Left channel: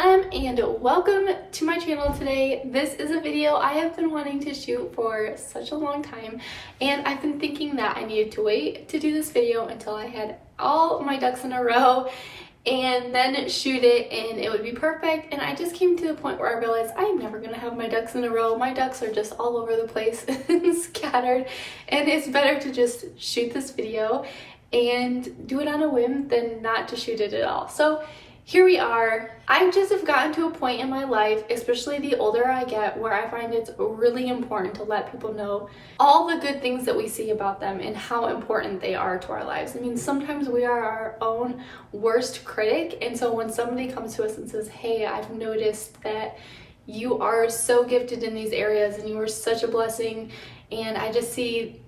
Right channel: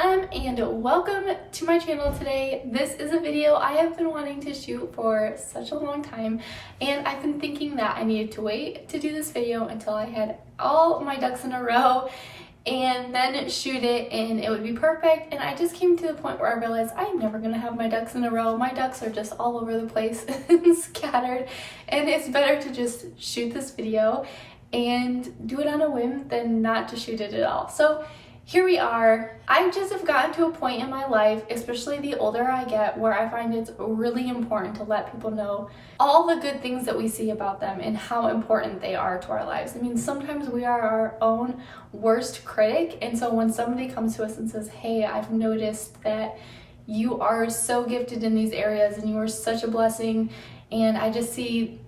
and welcome to my channel today. This is a video I have been wanting to shoot for such a long time, and I've been thinking that I needed to wait to do this video until I had all my ducks in a row and then shoot it and it would be perfect. And I just came to the point where I realized I'm never gonna have my ducks in a row. My ducks are just all over the place and scattered, and it's better to just shoot this video and do it on a whim than not to shoot it at all. So here we are. I just have gotten to a point in my life, especially the older I get, where I find it's really important to let people know all the good things that we see about them and how important they are to our lives. I mean, sometimes we are our own worst critic, and so when somebody comes to us and says, hey, I've noticed that you are so gifted in these areas and you are such a blessing, and I just see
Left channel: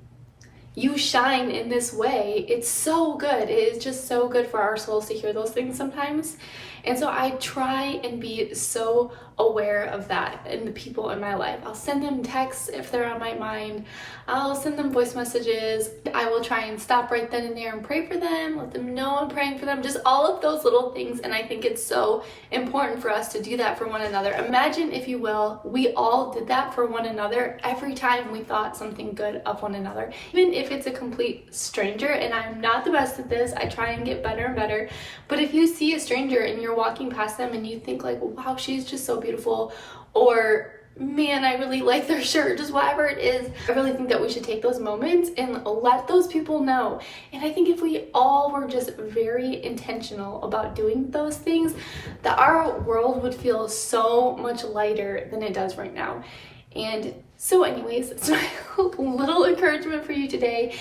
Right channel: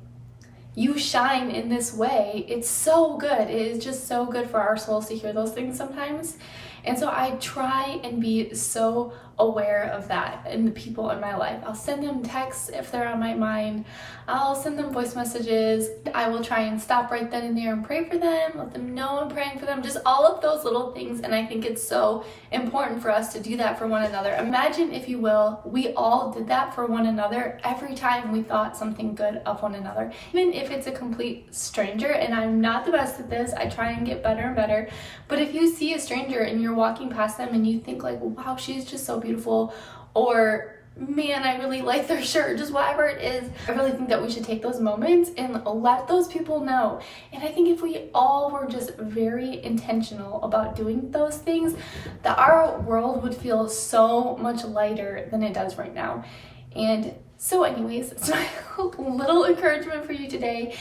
you shine in this way, it's so good. It is just so good for our souls to hear those things sometimes. And so I try and be so aware of that in the people in my life. I'll send them texts if they're on my mind. I'll send them voice messages. I will try and stop right then and there and pray for them, let them know I'm praying for them, just all of those little things. And I think it's so important for us to do that for one another. Imagine, if you will, we all did that for one another every time we thought something good of one another. Even if it's a complete stranger, and I'm not the best at this, I try and get better and better. But if you see a stranger and you're walking past them and you think like, wow, she's just so beautiful, or man, I really like their shirt, just whatever it is, I really think that we should take those moments and let those people know. And I think if we all were just very intentional about doing those things, that our world would feel so much lighter than it does right now. And so anyways, it's my little encouragement for you today,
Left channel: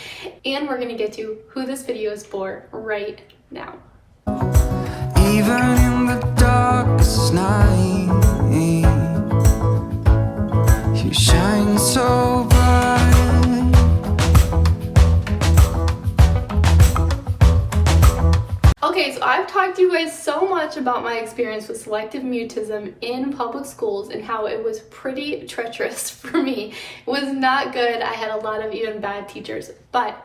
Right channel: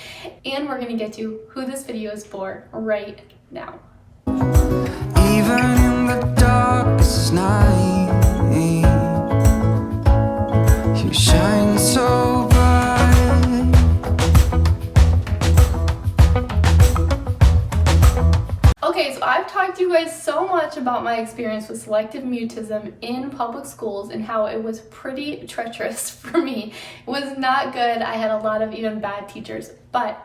and we're gonna get to who this video is for right now. Even in the darkest night, you shine so bright. Okay, so I've talked to you guys so much about my experience with selective mutism in public schools and how it was pretty treacherous for me. It was not good. I had a lot of even bad teachers, but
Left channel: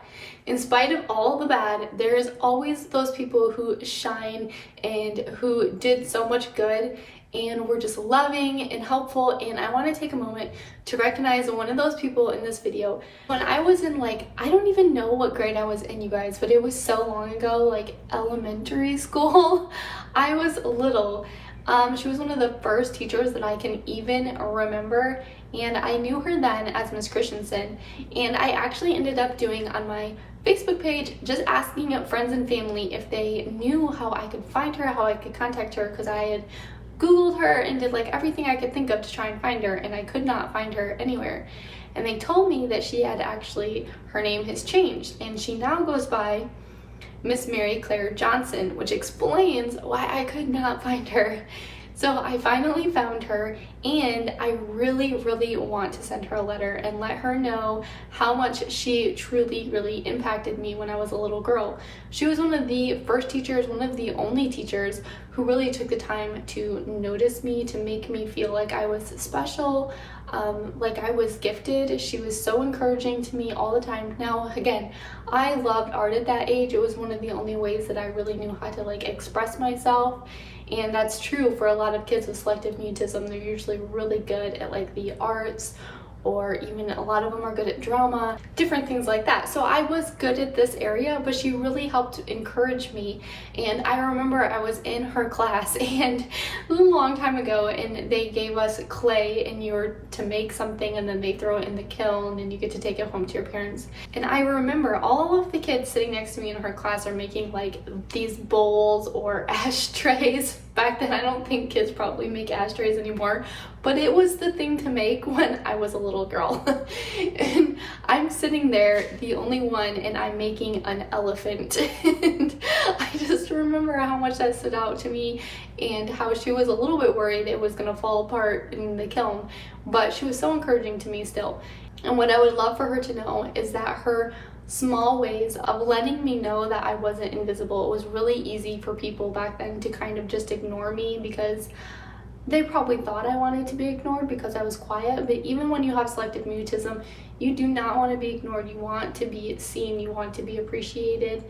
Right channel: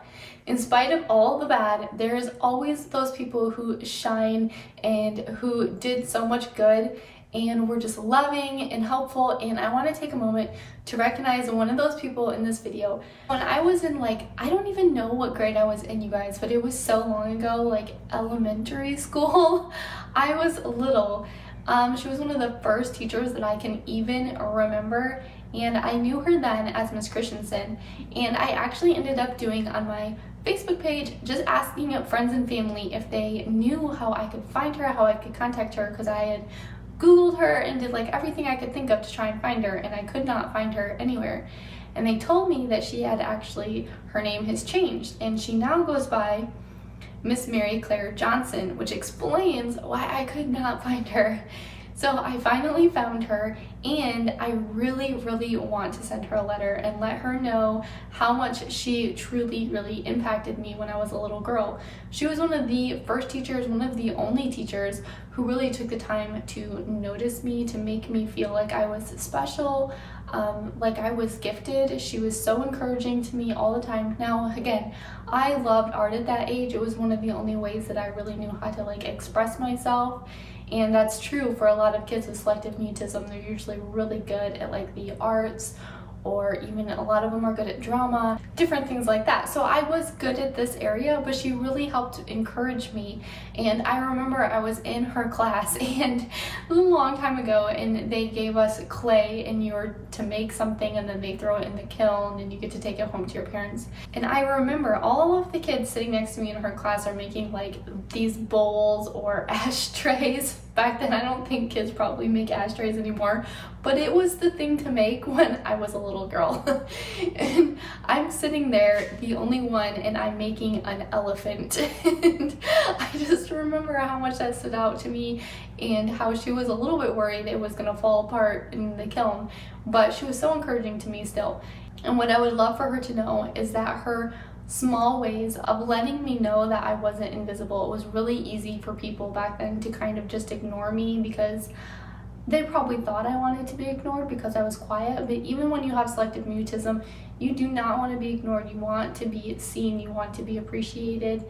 in spite of all the bad, there's always those people who shine and who did so much good and were just loving and helpful. And I want to take a moment to recognize one of those people in this video. When I was in, like, I don't even know what grade I was in, you guys, but it was so long ago, like elementary school. I was little. She was one of the first teachers that I can even remember, and I knew her then as Miss Christensen. And I actually ended up doing on my Facebook page, just asking friends and family if they knew how I could find her, how I could contact her, because I had Googled her and did like everything I could think of to try and find her, and I could not find her anywhere. And they told me that she had actually, her name has changed, and she now goes by Miss Mary Claire Johnson, which explains why I could not find her. So I finally found her, and I really, really want to send her a letter and let her know how much she truly, really impacted me when I was a little girl. She was one of the first teachers, one of the only teachers who really took the time to notice me, to make me feel like I was special, like I was gifted. She was so encouraging to me all the time. Now, again, I loved art at that age. It was one of the only ways that I really knew how to like express myself. And that's true for a lot of kids with selective mutism. They're usually really good at like the arts, or even a lot of them are good at drama, different things like that. So I was good at this area, but she really helped encourage me. And I remember I was in her class, and it was a long time ago, and they gave us clay, and you were to make something, and then they throw it in the kiln and you get to take it home to your parents. And I remember all of the kids sitting next to me in her class are making like these bowls or ashtrays. Back then, I don't think kids probably make ashtrays anymore, but it was the thing to make when I was a little girl. And I'm sitting there, the only one, and I'm making an elephant. And I just remember how much that stood out to me, and how she was a little bit worried it was gonna fall apart in the kiln, but she was so encouraging to me still. And what I would love for her to know is that her small ways of letting me know that I wasn't invisible. It was really easy for people back then to kind of just ignore me, because they probably thought I wanted to be ignored because I was quiet. But even when you have selective mutism, you do not want to be ignored. You want to be seen, you want to be appreciated.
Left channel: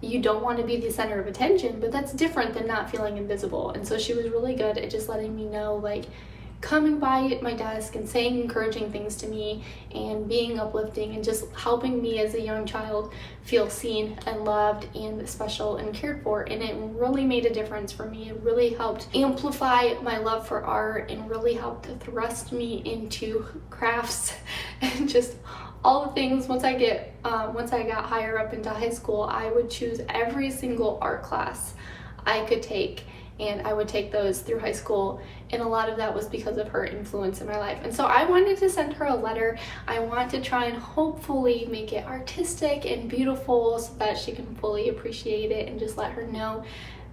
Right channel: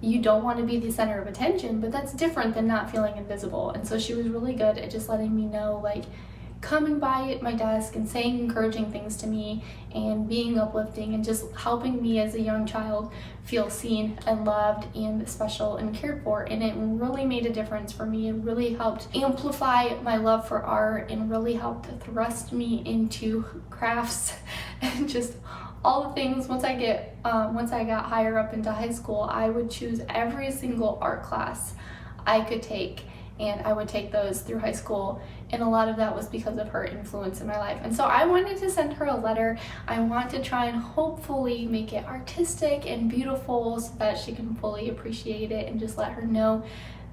you don't want to be the center of attention, but that's different than not feeling invisible. And so she was really good at just letting me know, like, coming by at my desk and saying encouraging things to me and being uplifting and just helping me as a young child feel seen and loved and special and cared for. And it really made a difference for me. It really helped amplify my love for art and really helped thrust me into crafts and just all the things. Once I got higher up into high school, I would choose every single art class I could take, and I would take those through high school, and a lot of that was because of her influence in my life. And so I wanted to send her a letter. I want to try and hopefully make it artistic and beautiful so that she can fully appreciate it, and just let her know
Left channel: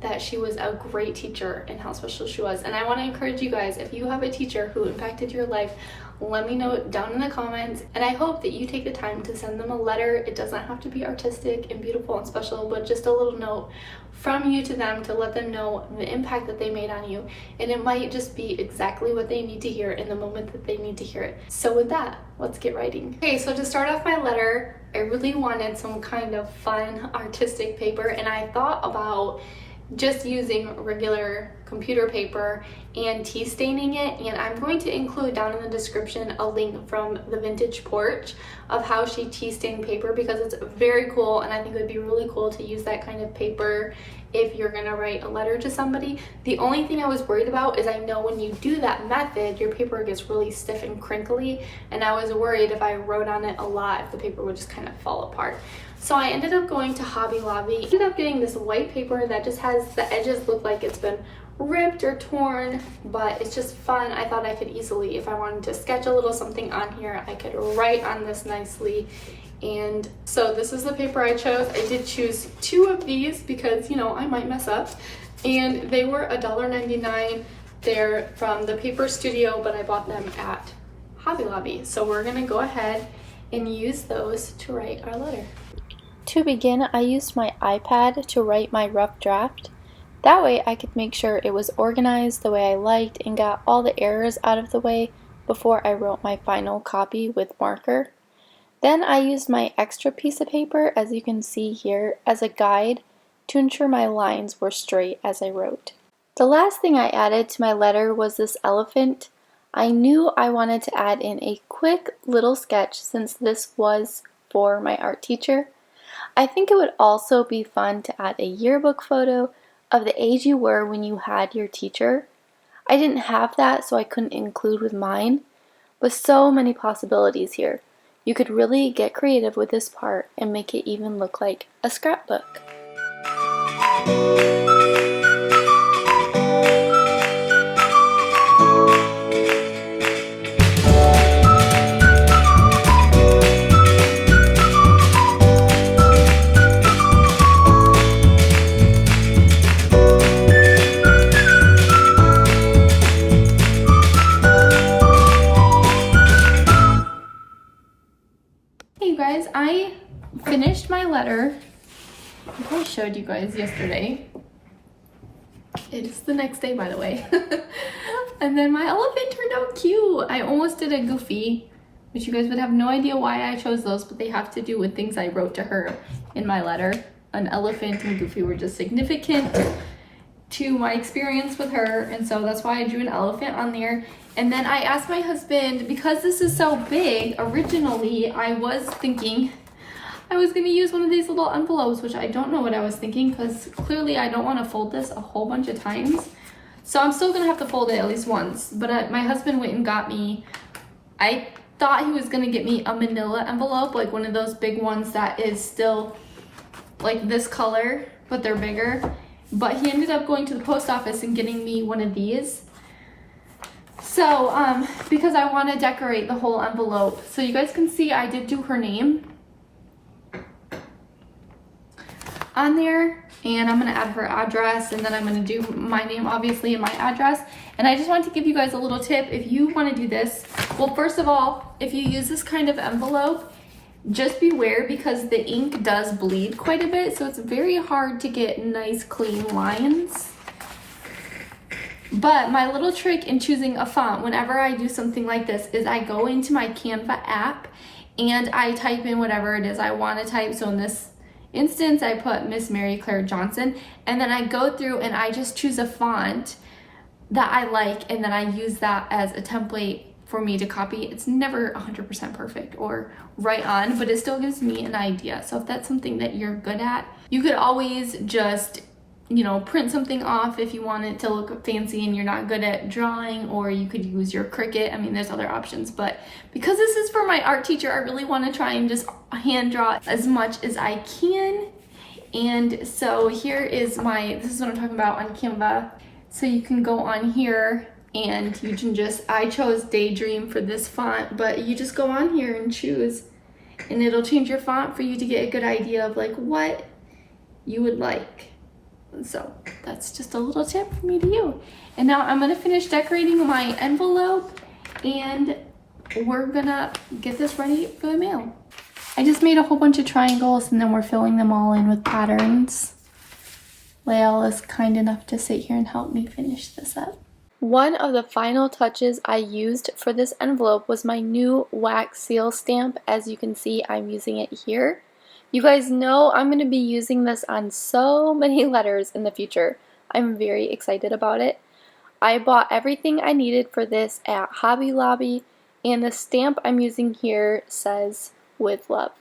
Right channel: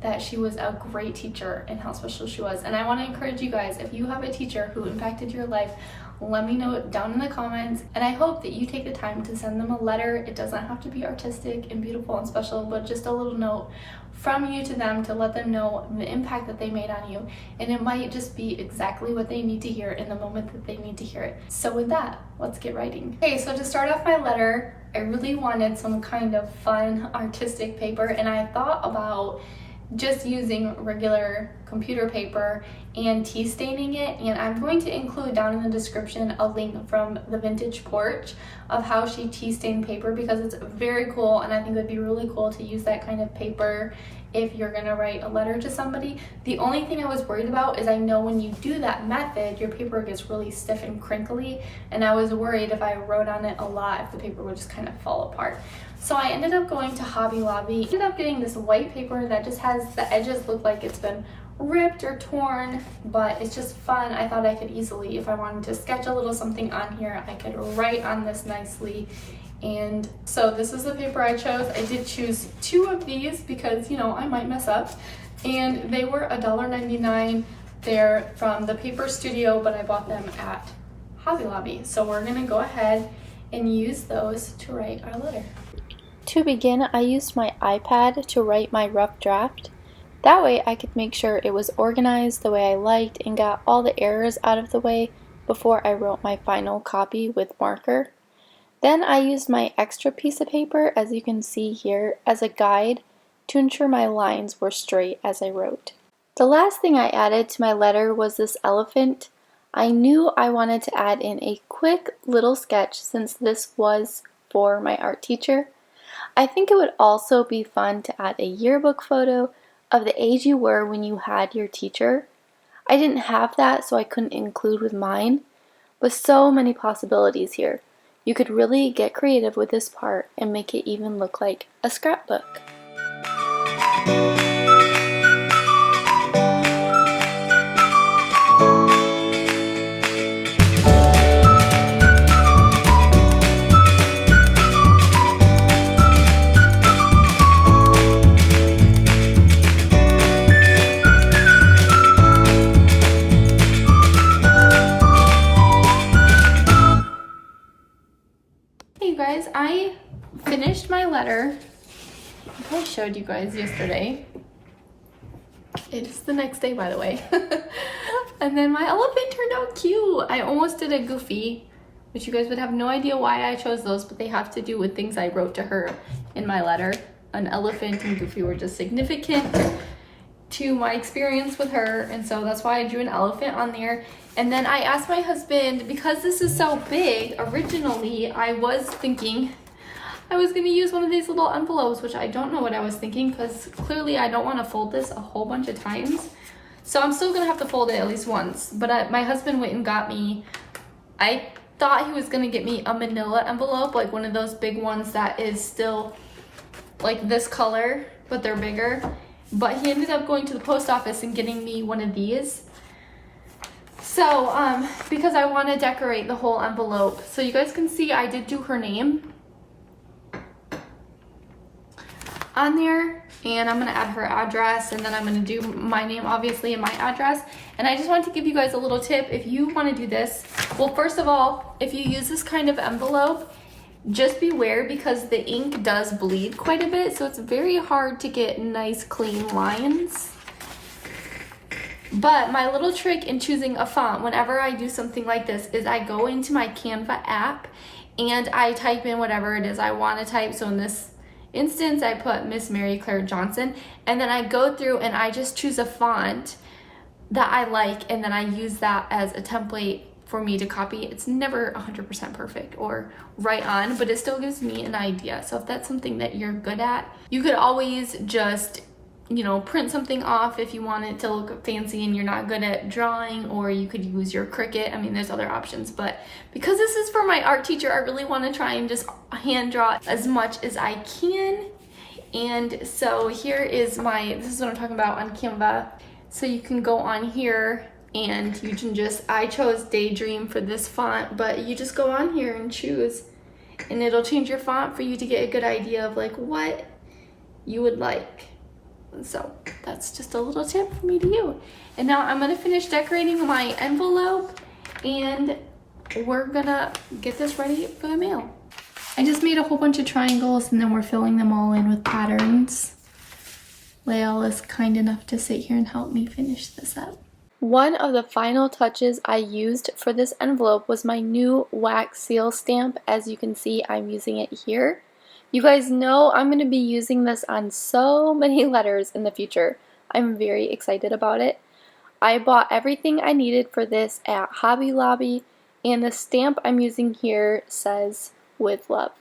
that she was a great teacher and how special she was. And I want to encourage you guys, if you have a teacher who impacted your life, let me know down in the comments, and I hope that you take the time to send them a letter. It doesn't have to be artistic and beautiful and special, but just a little note from you to them to let them know the impact that they made on you. And it might just be exactly what they need to hear in the moment that they need to hear it. So with that, let's get writing. Okay, so to start off my letter, I really wanted some kind of fun artistic paper, and I thought about just using regular computer paper and tea staining it. And I'm going to include down in the description a link from the Vintage Porch of how she tea stained paper, because it's very cool, and I think it would be really cool to use that kind of paper if you're gonna write a letter to somebody. The only thing I was worried about is I know when you do that method, your paper gets really stiff and crinkly, and I was worried if I wrote on it a lot, if the paper would just kind of fall apart. So I ended up going to Hobby Lobby. I ended up getting this white paper that just has the edges look like it's been ripped or torn, but it's just fun. I thought I could easily, if I wanted to sketch a little something on here, I could write on this nicely. And so this is the paper I chose. I did choose 2 of these because, you know, I might mess up, and they were $1.99. They're from the Paper Studio, but I bought them at Hobby Lobby. So we're gonna go ahead and use those to write our letter. To begin, I used my iPad to write my rough draft. That way I could make sure it was organized the way I liked and got all the errors out of the way before I wrote my final copy with marker. Then I used my extra piece of paper, as you can see here, as a guide to ensure my lines were straight as I wrote. The last thing I added to my letter was this elephant. I knew I wanted to add in a quick little sketch since this was for my art teacher. I think it would also be fun to add a yearbook photo of the age you were when you had your teacher. I didn't have that, so I couldn't include with mine, but so many possibilities here. You could really get creative with this part and make it even look like a scrapbook. Hey guys, I finished my letter. I think I showed you guys yesterday. It's the next day, by the way. And then my elephant turned out cute. I almost did a Goofy, which you guys would have no idea why I chose those, but they have to do with things I wrote to her in my letter. An elephant and Goofy were just significant to my experience with her, and so that's why I drew an elephant on there. And then I asked my husband, because this is so big, originally I was thinking I was going to use one of these little envelopes, which I don't know what I was thinking, because clearly I don't want to fold this a whole bunch of times. So I'm still going to have to fold it at least once. But my husband went and got me, I thought he was going to get me a manila envelope, like one of those big ones that is still like this color, but they're bigger. But he ended up going to the post office and getting me one of these. So, because I want to decorate the whole envelope. So you guys can see I did do her name on there, and I'm going to add her address, and then I'm going to do my name obviously and my address. And I just want to give you guys a little tip if you want to do this. Well, first of all, if you use this kind of envelope, just beware because the ink does bleed quite a bit, so it's very hard to get nice clean lines. But my little trick in choosing a font whenever I do something like this is I go into my Canva app and I type in whatever it is I want to type. So in this instance, I put Miss Mary Claire Johnson, and then I go through and I just choose a font that I like, and then I use that as a template for me to copy. It's never 100% perfect or right on, but it still gives me an idea. So if that's something that you're good at, you could always just, you know, print something off if you want it to look fancy and you're not good at drawing, or you could use your Cricut. I mean, there's other options, but because this is for my art teacher, I really want to try and just hand draw as much as I can. And so here is this is what I'm talking about on Canva. So you can go on here and you can I chose Daydream for this font, but you just go on here and choose, and it'll change your font for you to get a good idea of like what you would like. So that's just a little tip for me to you. And now I'm gonna finish decorating my envelope, and we're gonna get this ready for the mail. I just made a whole bunch of triangles, and then we're filling them all in with patterns. Lael is kind enough to sit here and help me finish this up. One of the final touches I used for this envelope was my new wax seal stamp. As you can see, I'm using it here. You guys know I'm going to be using this on so many letters in the future. I'm very excited about it. I bought everything I needed for this at Hobby Lobby, and the stamp I'm using here says "With Love."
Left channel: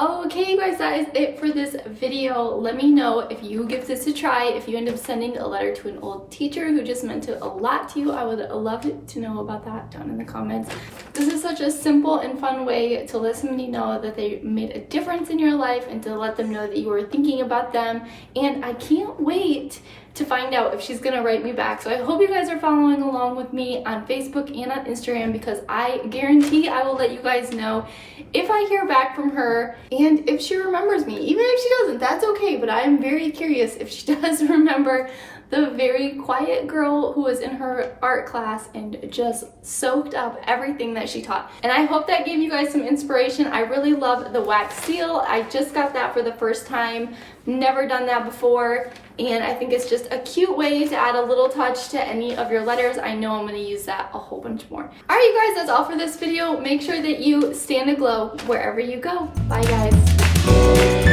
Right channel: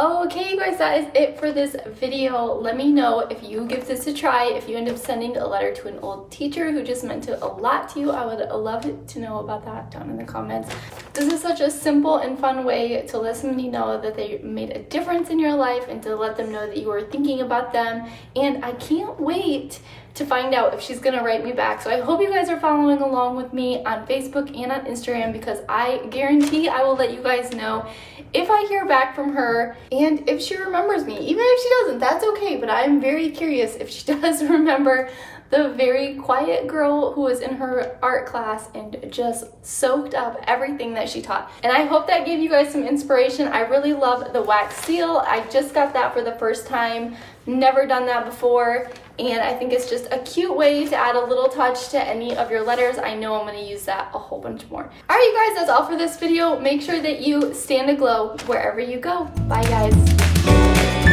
Okay, you guys, that is it for this video. Let me know if you give this a try, if you end up sending a letter to an old teacher who just meant a lot to you. I would love to know about that down in the comments. This is such a simple and fun way to let somebody know that they made a difference in your life and to let them know that you were thinking about them. And I can't wait to find out if she's gonna write me back. So I hope you guys are following along with me on Facebook and on Instagram, because I guarantee I will let you guys know if I hear back from her and if she remembers me. Even if she doesn't, that's okay, but I'm very curious if she does remember the very quiet girl who was in her art class and just soaked up everything that she taught. And I hope that gave you guys some inspiration. I really love the wax seal. I just got that for the first time. Never done that before. And I think it's just a cute way to add a little touch to any of your letters. I know I'm going to use that a whole bunch more. All right, you guys, that's all for this video. Make sure that you stand aglow wherever you go. Bye, guys.